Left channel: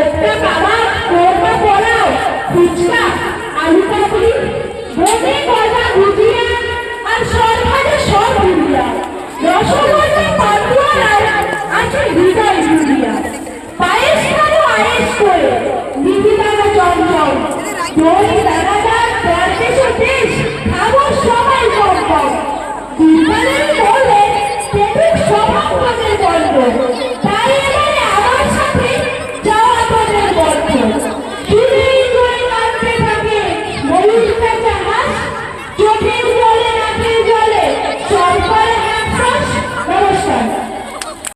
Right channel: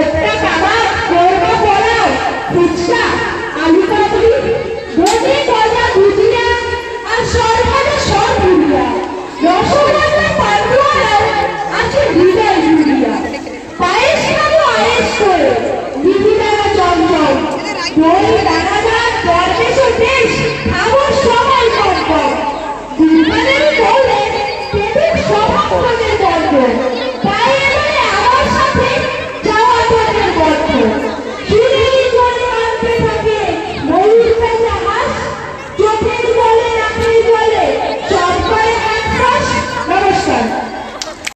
একটা বাবা কোরমা পোলাও, ফুচকা, আলু কাবলি, দই গজা ভুজিয়া আর সরভাজা সব ভুজিয়া, রসগোল্লা পান্তুয়ারাও আছে হৃদয় জুড়িয়া। পায়েস খাবো আয়েস করে, দিদি দানা চঞ্চল, দই দানাদার দরবেশও দেশ, খাবো সবাই কম কম। দুর্গাদেবী বললেন, দেবীর স্বভাব গল্প।